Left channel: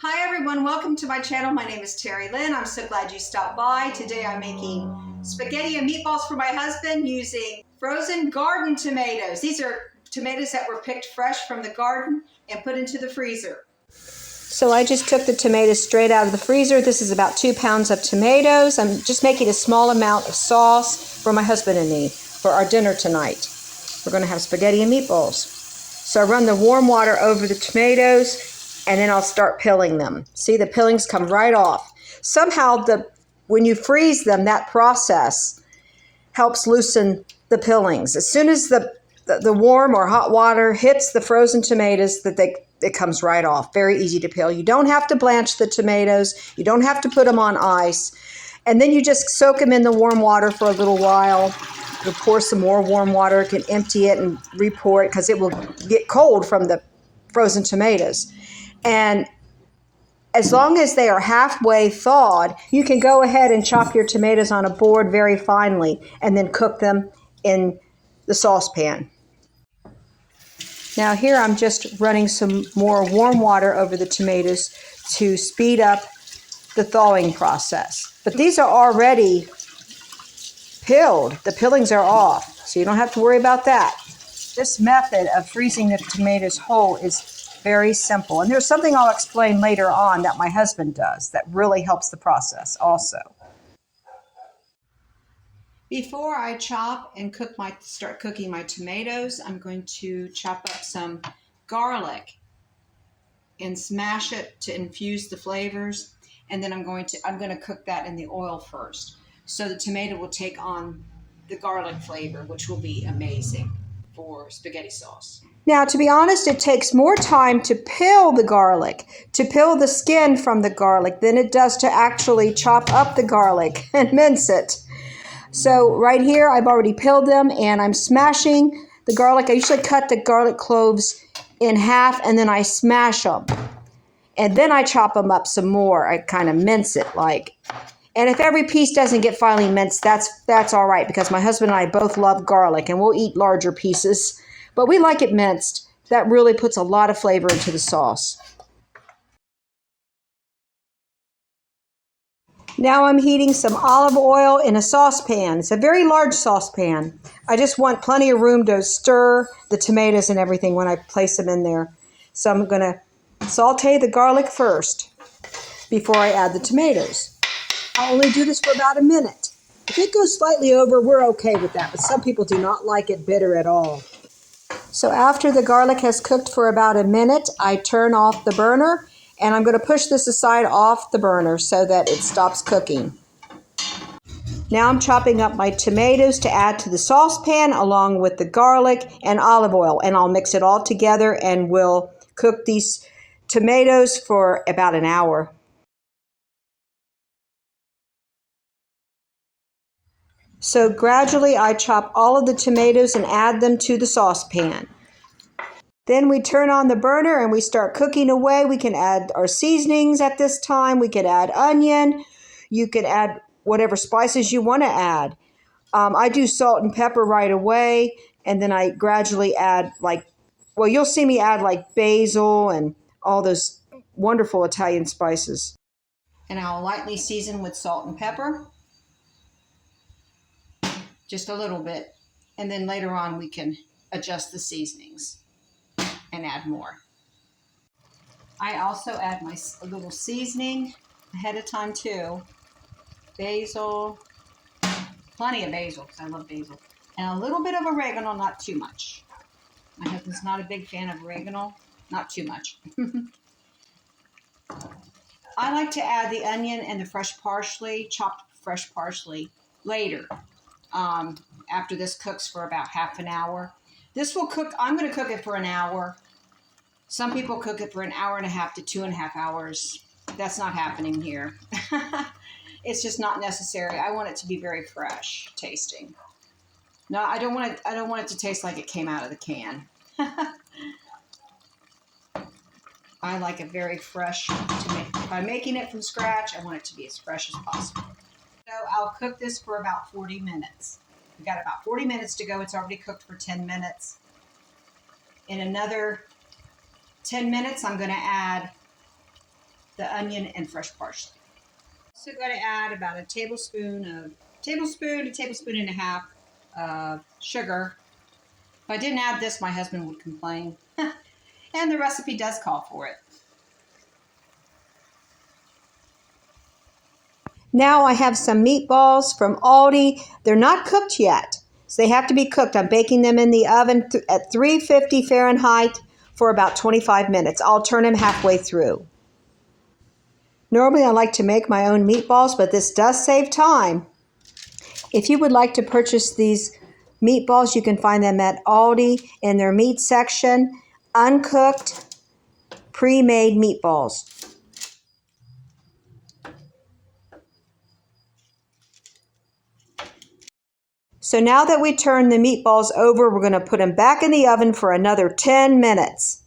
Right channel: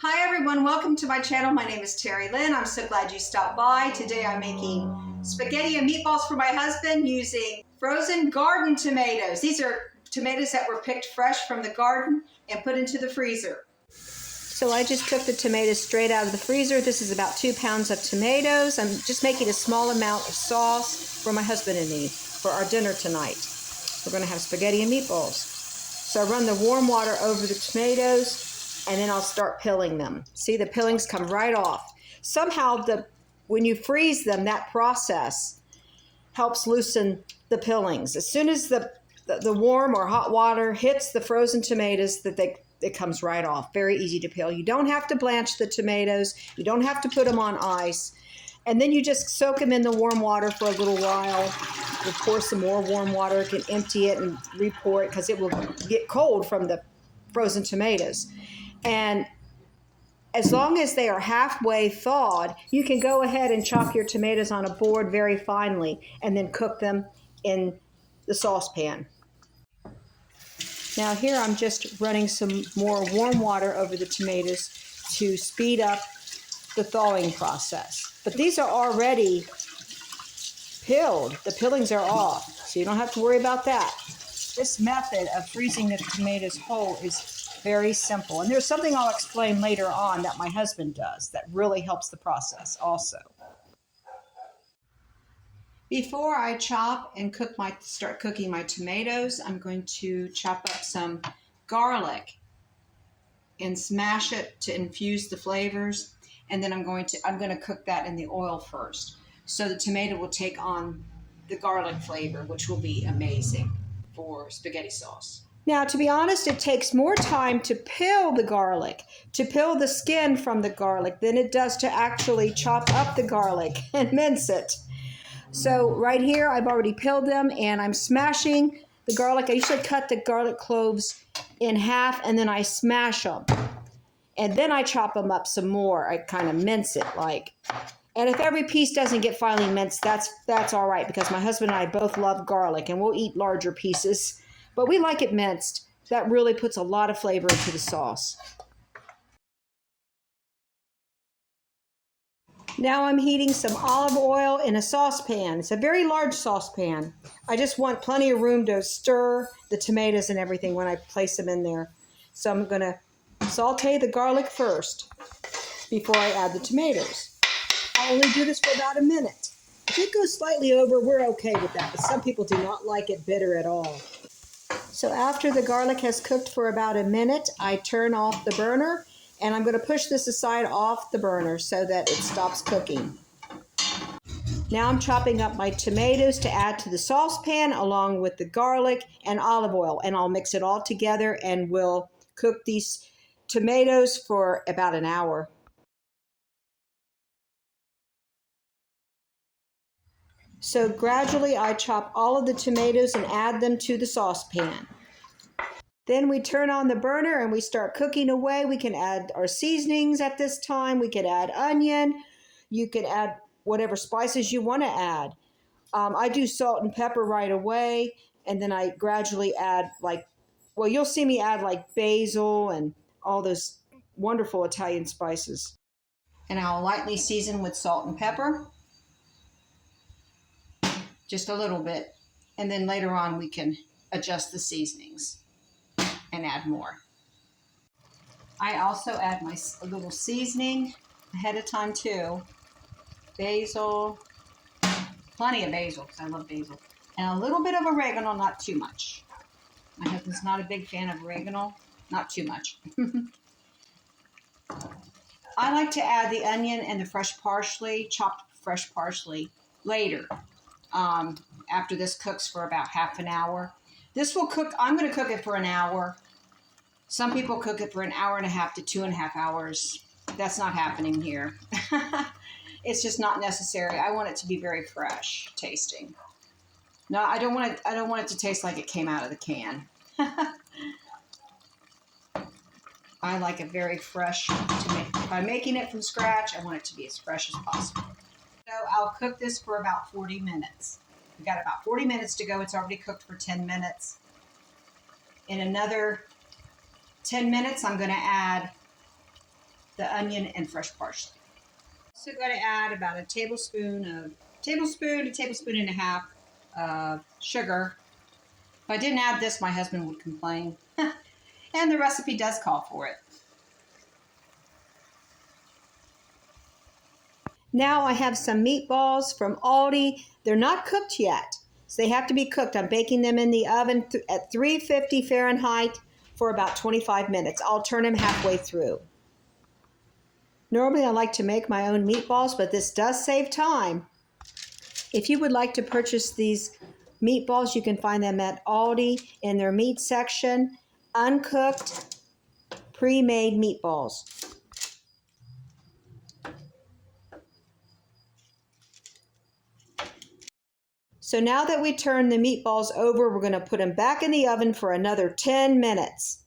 Hi everyone, welcome to my channel. My name is Terry Lynn. I'm so glad you stopped by. Today I'm making spaghetti and meatballs for my husband using frozen garden tomatoes. These are tomatoes that were picked fresh from the garden and put into the freezer. So I just took the tomatoes straight out of the freezer. This is about 2 pounds of tomatoes. I'm just making a small amount of sauce for my husband and me for our dinner tonight. We're going to have spaghetti and meatballs. So I run the warm water over the tomatoes and then I'll start peeling them. See, the peelings come right off. Somehow, when you freeze them, that process helps loosen the peelings. As soon as the warm or hot water hits the frozen tomatoes, it comes right off. Very easy to peel. You don't have to blanch the tomatoes. You don't have to put them on ice. And then you just soak them in the warm water for a little while. You pour some more warm water. You can empty it and re-pour it because it will get cold from the frozen tomatoes. And as long as they are halfway thawed, you can go ahead and chop your tomatoes on a board very finely and then cook them in the saucepan. Now here I'm just running some more warm water over the tomatoes to speed up the thawing process. But these are already peeled. The peelings are off, so you don't have to worry about that. This method of freezing the tomatoes whole is very simple. And there's something I'll explain later on that my husband does that really helps the process also. Before I chop and start cooking my tomatoes, I'm going to chop up some garlic and smash it to infuse the flavors. And then I'm going to cook that in the oil first. So the tomato will take on the garlic flavor, which will be amazing for spaghetti sauce. Now, to be honest, it takes more time to peel the garlic, to peel the skin from the garlic, than it does to actually chop up the garlic and mince it. So right here, I've already peeled them and I'm smashing the garlic. I usually cut the garlic cloves in half and then I smash them. And then I chop them up some more. I kind of mince it like. And if every piece doesn't get finely minced, that's all right because my husband and I both love garlic and we'll eat larger pieces. But we like it minced. That really puts a lot of flavor into the sauce. Now I'm heating some olive oil in a saucepan. It's a very large saucepan. I just want plenty of room to stir the tomatoes and everything when I place them in there. So I'm going to saute the garlic first before I add the tomatoes. I only do this for about a minute. If it goes slightly over, we're okay with that, but some people do not like it bitter at all. So after the garlic has cooked for about a minute, I turn off the burner and I'm going to push this aside off the burner so that it stops cooking. Now I'm chopping up my tomatoes to add to the saucepan along with the garlic and olive oil, and I'll mix it all together and we'll cook these tomatoes for about an hour. So gradually I chop all of the tomatoes and add them to the saucepan. Then we turn on the burner and we start cooking away. We can add our seasonings at this time. We could add onion. You could add whatever spices you want to add. I do salt and pepper right away, and then I gradually add you'll see me add like basil and all those wonderful Italian spices. And I'll lightly season with salt and pepper. Just a little bit, and then later on we can adjust the seasonings and add more. I also add my little seasoning ahead of time too. Basil, plenty of basil because I love basil, and a little bit of oregano, not too much. My husband's not a big fan of oregano, not too much. I like to add the onion and the fresh parsley, chopped fresh parsley, later. After this cooks for about half an hour. This will cook, I'm going to cook it for an hour. Some people cook it for an hour and a half to 2.5 hours. That's not happening here. It's just not necessary. I want it to be very fresh tasting. No, I don't want it to taste like it came out of the can. I like it very fresh to make. If I'm making it from scratch, I want it to be as fresh as possible. So I'll cook this for about 40 minutes. We've got about 40 minutes to go. It's already cooked for 10 minutes. In another 10 minutes, I'm going to add the onion and fresh parsley. So I'm going to add about a tablespoon and a half of sugar. If I didn't add this, my husband would complain. And the recipe does call for it. Now I have some meatballs from Aldi. They're not cooked yet, so they have to be cooked. I'm baking them in the oven at 350 Fahrenheit for about 25 minutes. I'll turn them halfway through. Normally I like to make my own meatballs, but this does save time. If you would like to purchase these meatballs, you can find them at Aldi in their meat section. Uncooked, pre-made meatballs. So now that we turn the meatballs over, we're going to put them back in the oven for another 10 minutes.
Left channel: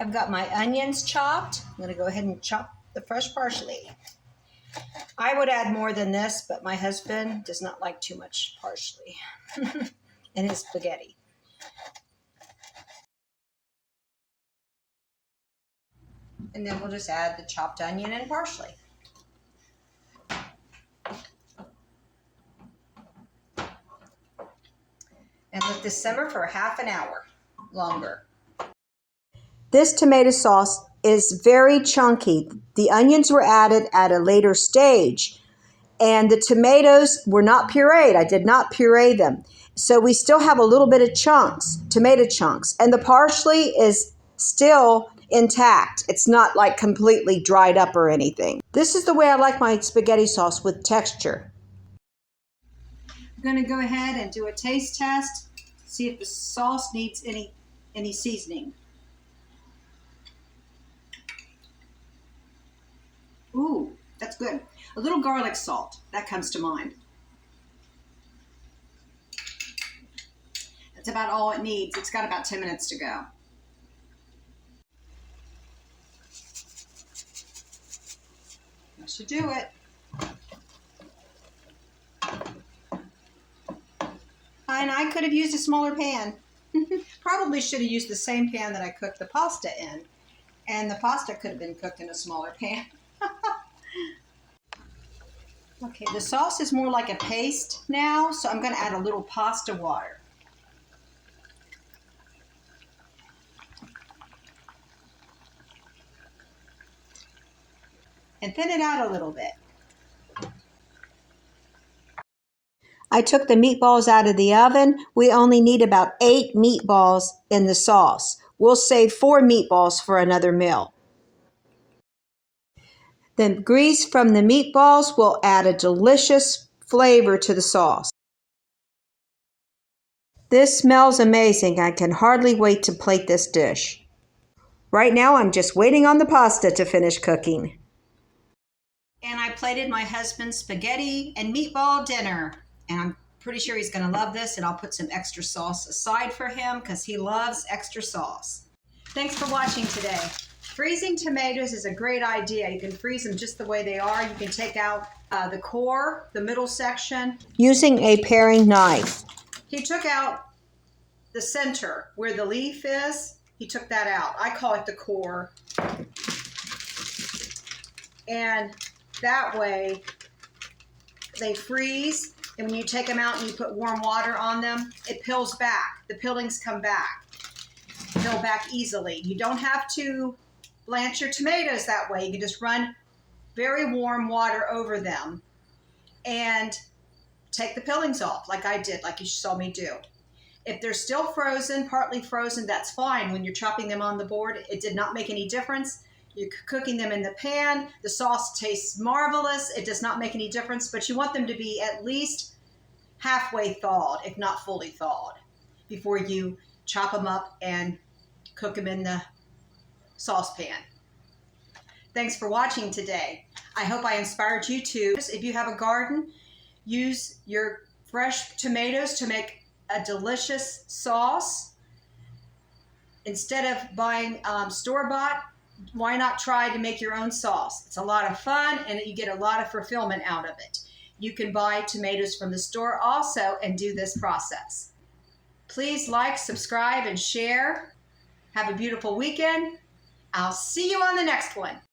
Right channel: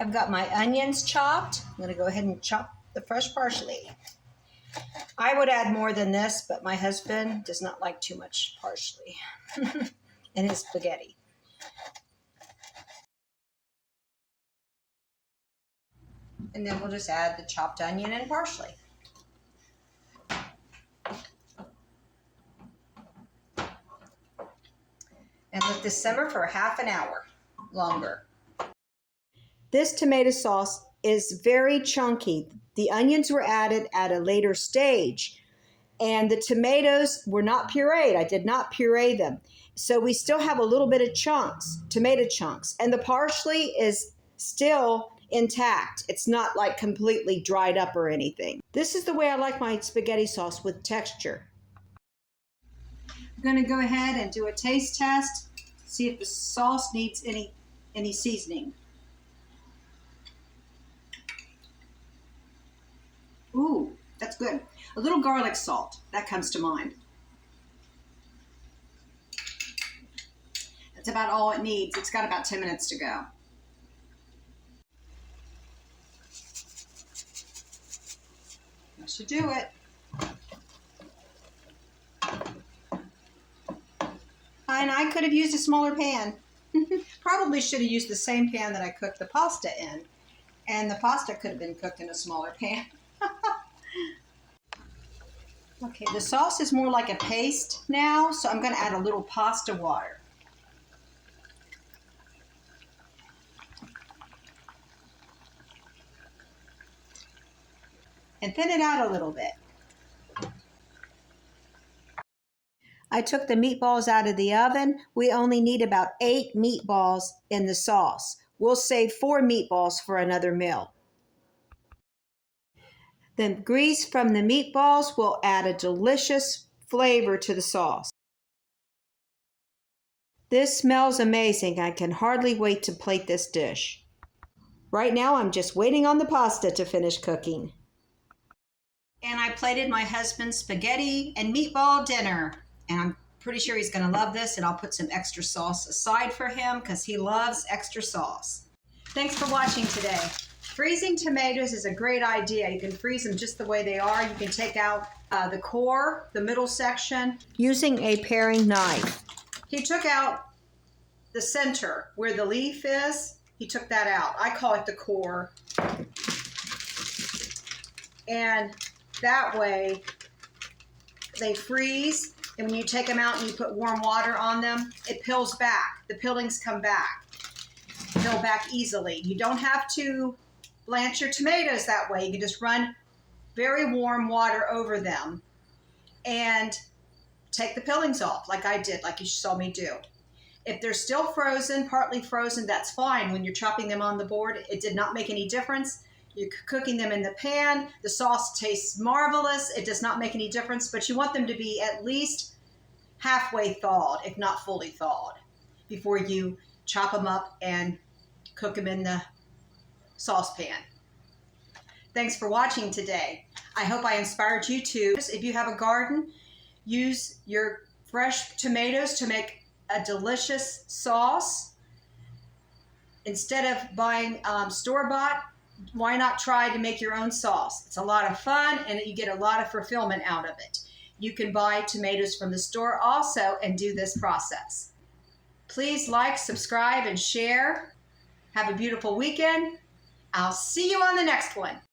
I've got my onions chopped. I'm going to go ahead and chop the fresh parsley. I would add more than this, but my husband does not like too much parsley in his spaghetti. And then we'll just add the chopped onion and parsley. And let this simmer for half an hour longer. This tomato sauce is very chunky. The onions were added at a later stage, and the tomatoes were not pureed. I did not puree them. So we still have a little bit of chunks, tomato chunks, and the parsley is still intact. It's not like completely dried up or anything. This is the way I like my spaghetti sauce, with texture. I'm going to go ahead and do a taste test, see if the sauce needs any seasoning. Ooh, that's good. A little garlic salt, that comes to mind. That's about all it needs. It's got about 10 minutes to go. That should do it. And I could have used a smaller pan. Probably should have used the same pan that I cooked the pasta in. And the pasta could have been cooked in a smaller pan. Okay, the sauce is more like a paste now, so I'm going to add a little pasta water. And thin it out a little bit. I took the meatballs out of the oven. We only need about 8 meatballs in the sauce. We'll save 4 meatballs for another meal. The grease from the meatballs will add a delicious flavor to the sauce. This smells amazing. I can hardly wait to plate this dish. Right now, I'm just waiting on the pasta to finish cooking. And I plated my husband's spaghetti and meatball dinner. And I'm pretty sure he's going to love this, and I'll put some extra sauce aside for him because he loves extra sauce. Thanks for watching today. Freezing tomatoes is a great idea. You can freeze them just the way they are. You can take out the core, the middle section, using a paring knife. He took out the center where the leaf is. He took that out. I call it the core. And that way they freeze. And when you take them out and you put warm water on them, it peels back. The peelings come back. Peel back easily. You don't have to blanch your tomatoes that way. You can just run very warm water over them and take the peelings off like I did, like you saw me do. If they're still frozen, partly frozen, that's fine. When you're chopping them on the board, it did not make any difference. You're cooking them in the pan. The sauce tastes marvelous. It does not make any difference, but you want them to be at least halfway thawed, if not fully thawed, before you chop them up and cook them in the saucepan. Thanks for watching today. I hope I inspired you to, if you have a garden, use your fresh tomatoes to make a delicious sauce. Instead of buying store-bought, why not try to make your own sauce? It's a lot of fun and you get a lot of fulfillment out of it. You can buy tomatoes from the store also and do this process. Please like, subscribe, and share. Have a beautiful weekend. I'll see you on the next one.